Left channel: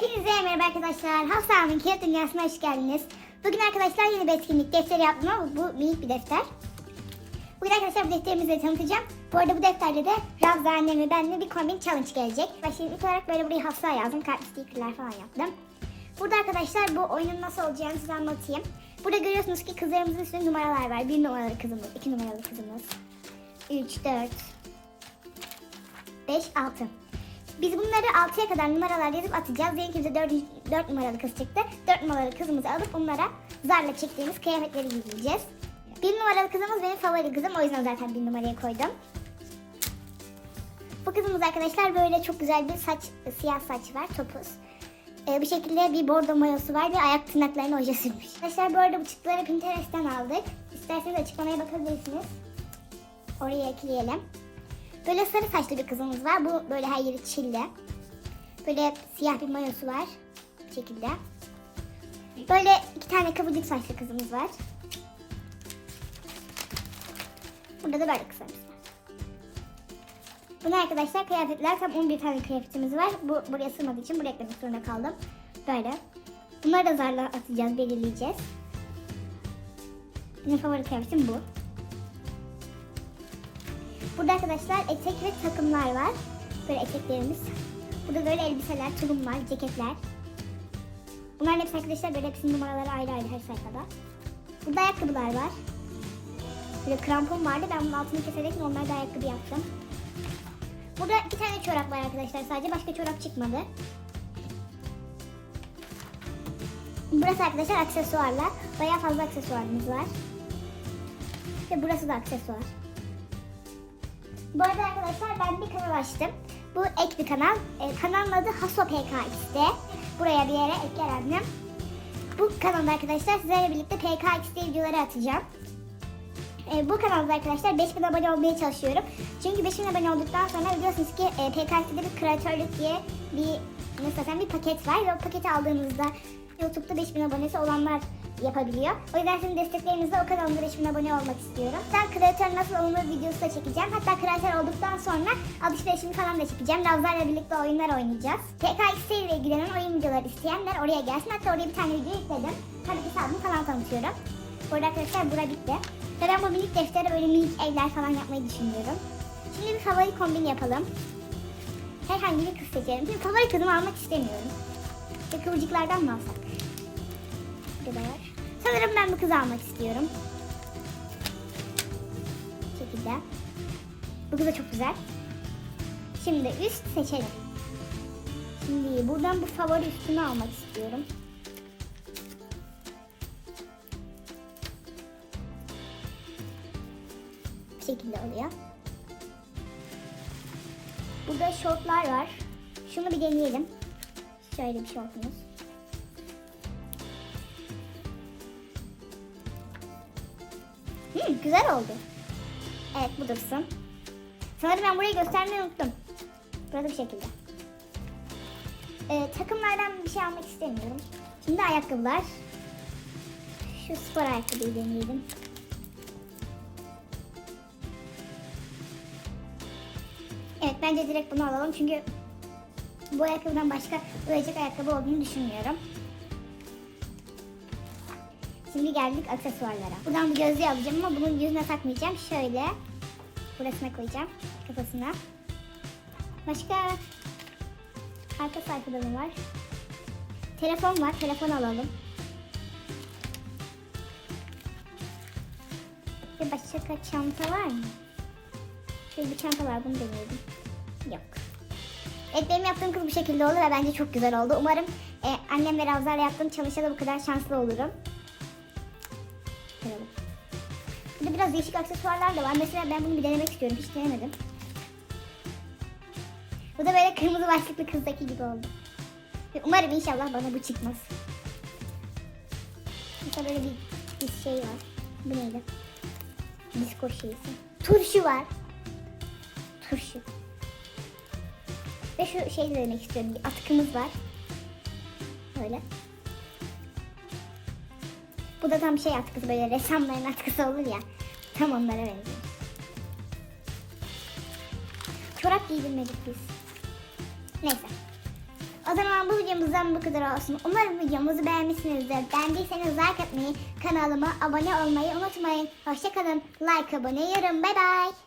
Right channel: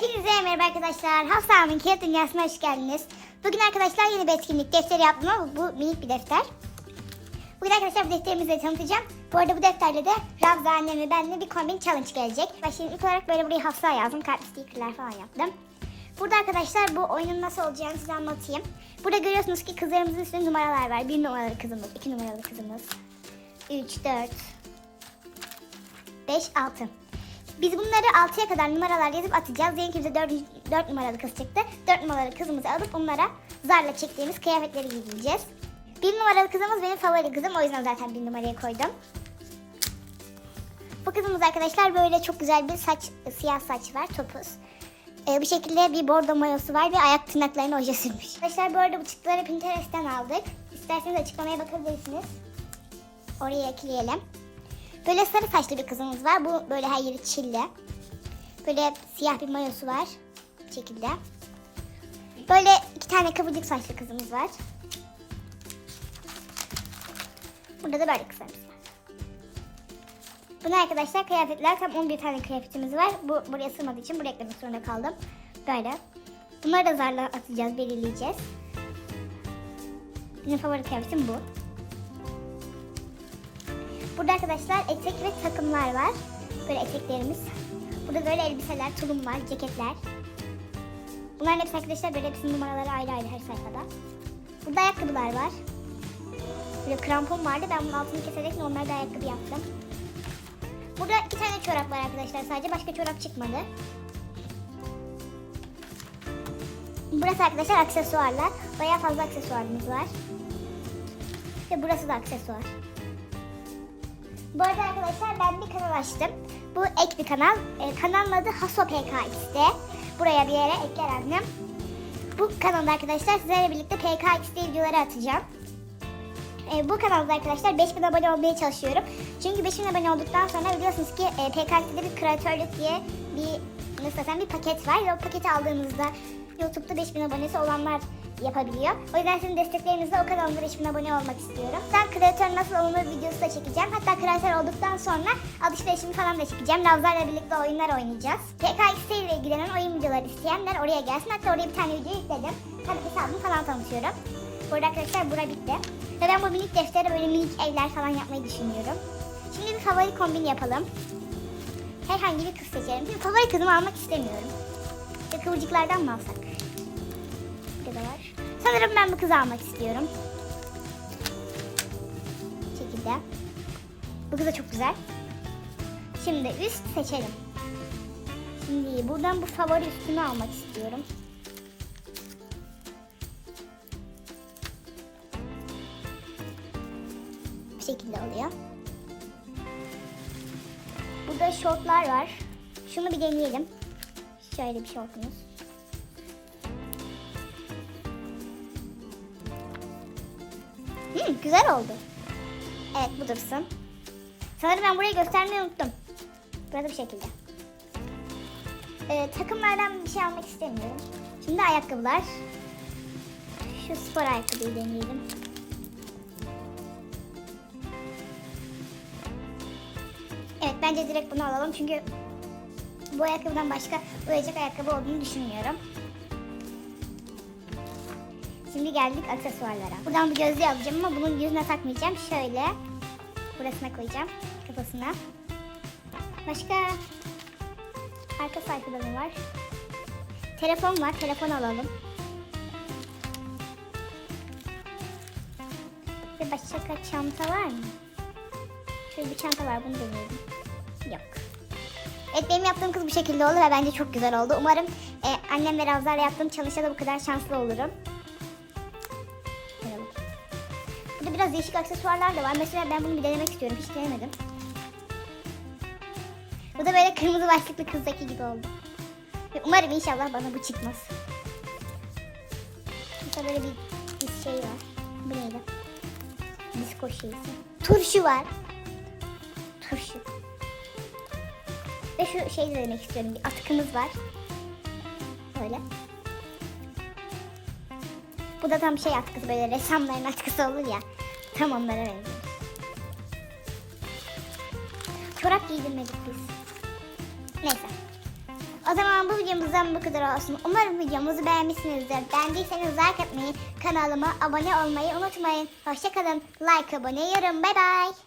Hepinize merhaba arkadaşlar. Hafsa'nın Kağıt Dünyası'na hoş geldiniz. Bugün arkadaşlar yeni bir etkinlik defteri yaptım ama bu minik bir defter. Bugün arkadaşlar bu defterimizi de tanıtacağım. Bu arada bu defterle de Ravza annem ve benimle bir kombin challenge gelecek. Şimdi ilk olarak böyle buraya Hafsa yazdım. Kalp stickerler falan yaptım. Burada arkadaşlar bu oyunun nasıl olacağını size anlatayım. Burada görüyorsunuz ki kızlarımızın üstünde numaralar var. Bir numaralı kızımız, iki numaralı kızımız, 3, 4, 5, 6. Biz bunları 6'ya kadar numaralar yazıp atacağız. Bize 4, 4 numaralı kız çıktı. 4 numaralı kızımızı alıp onlara zarla çektiğimiz kıyafetleri giydireceğiz. 1 numaralı kızımız benim favori kızım. O yüzden zaten 1 numaraya koydum. Bu kızımız arkadaşlar böyle çok güzel bir saç, siyah saç var, topuz. Ee, bir şekilde bir bordo mayosu var ve ayak tırnaklarına oje sürmüş. Arkadaşlar bu arada bu çıktıları Pinterest'ten aldık. İsterseniz açıklamaya bakabilirsiniz. Oraya ekleyelim. Böyle sarı saçlı bir kızımız var. Bu böyle her yeri çilli. Böyle siyah bir mayosu var. Bu şekilde. Böyle iki tane kıvırcık saçlı kızımız var. Burada da böyle kızlarımız var. Bunu arkadaşlar kıyafetler tam 11 tane kıyafetimiz var. Bu buraya sığmadığı için buraya eklemek zorunda kaldım. Böyle. Bunları da zarla atacağız, belirleyeceğiz. Benim favori kıyafetim bu. Burada arkadaşlar etek ve takımlar var. Böyle eteklerimiz. Burada böyle elbiseler, tulum var, ceketler. Bunların hepsi arkadaşlar böyle hepsinin numaraları ayrı ayrı her sayfada. Burada ayakkabılar var. Böyle krampon vardı. Ben bunun altını keserek da ayakkabı yaptım. Burada iki tane çorap var arkadaşlar sadece. Başka çorap çıkmadı. Burası arkadaşlar aksesuarlar. Bayağı fazla aksesuarımız var. Ve burası da aksesuar. Bu arada arkadaşlar ben bir kanal açtım. Bu ek bir kanal. E, kanalın adı Haso PKX'de. Buraya bir yere ekler annem. Bu kanalda arkadaşlar sizlerle birlikte PKX'de videoları atacağım. E, bu kanalda arkadaşlar 5000 abone olmaya çalışıyorum. Çünkü 5000 abone olduktan sonra biliyorsunuz ki e, PKX'de bir kreatörlük diye bir nasıl desem bir paket var. Ve o paketi aldığınızda YouTube'da 5000 abonesi olanlar yapabiliyor. O yüzden sizin desteklerinizle o kanalımda 5000 abone olmak istiyorum. Ben kreatör nasıl olunur videosu da çekeceğim. Hatta kreatör olduktan sonra alışverişimi falan da çekeceğim. Lavza'yla birlikte oyunlar oynayacağız. PKX ile ilgilenen oyun videoları isteyenler oraya gelsin. Hatta oraya bir tane video yükledim. Hadi hesabımı falan tanıtıyorum. Burada arkadaşlar bura bitti. Ben bu minik deftere böyle minik evler falan yapmayı düşünüyorum. Şimdi bir favori kombin yapalım. Herhangi bir kız seçelim. Şimdi favori kızımı almak istemiyorum. İşte kıvırcıklardan mı alsak? Buradalar. Sanırım ben bu kızı almak istiyorum. Bu şekilde. Bu kız da çok güzel. Şimdi üst seçelim. Şimdi buradan bu favori üstünü almak istiyorum. Bu şekilde oluyor. Burada şortlar var. Şunu bir deneyelim. Şöyle bir şortumuz. Hmm, güzel oldu. Evet bu dursun. Sanırım ben burayı göstermeyi unuttum. Burada bir şekilde. Ee, takımlardan bir şey almak istemiyorum. Şimdi ayakkabılar. Şu spor ayakkabıyı deneyelim. Evet bence direkt bunu alalım çünkü bu ayakkabıdan başka uyacak ayakkabı olduğunu düşünmüyorum. Şimdi geldik aksesuarlara. Buradan bu gözlüğü alacağım ama bunun yüzüne takmayacağım. Şöyle burasına koyacağım kafasına. Başka arka sayfada var? Telefon var. Telefon alalım. Ve başka çanta var mı? Şöyle bir çanta var. Bunu deneyelim. Yok. Evet benim yaptığım kız bu şekilde oldu ve bence çok güzel oldu. Umarım e, annem ve Ravza'yla yaptığım çalışada bu kadar şanslı olurum. Bakalım. Burada biraz değişik aksesuarlar da var. Mesela ben bunu bir denemek istiyorum. Hiç denemedim. Bu da böyle kırmızı başlıklı kızdaki gibi oldu. Ve umarım inşallah bana bu çıkmaz. Burada böyle bir, bir şey var. Bu neydi? Disko şeysi. Turşu var. Ve şu şeyi de denemek istiyorum. Bir atkımız var. Böyle. Bu da tam şey atkısı böyle ressamların atkısı olur ya. Tam onlara benziyor. Çorap giydirmedik biz. Neyse. O zaman bu videomuzdan bu kadar olsun. Umarım videomuzu beğenmişsinizdir. Beğendiyseniz like atmayı, kanalıma abone olmayı unutmayın. Hoşçakalın. Like, abone, yorum. Bay bay.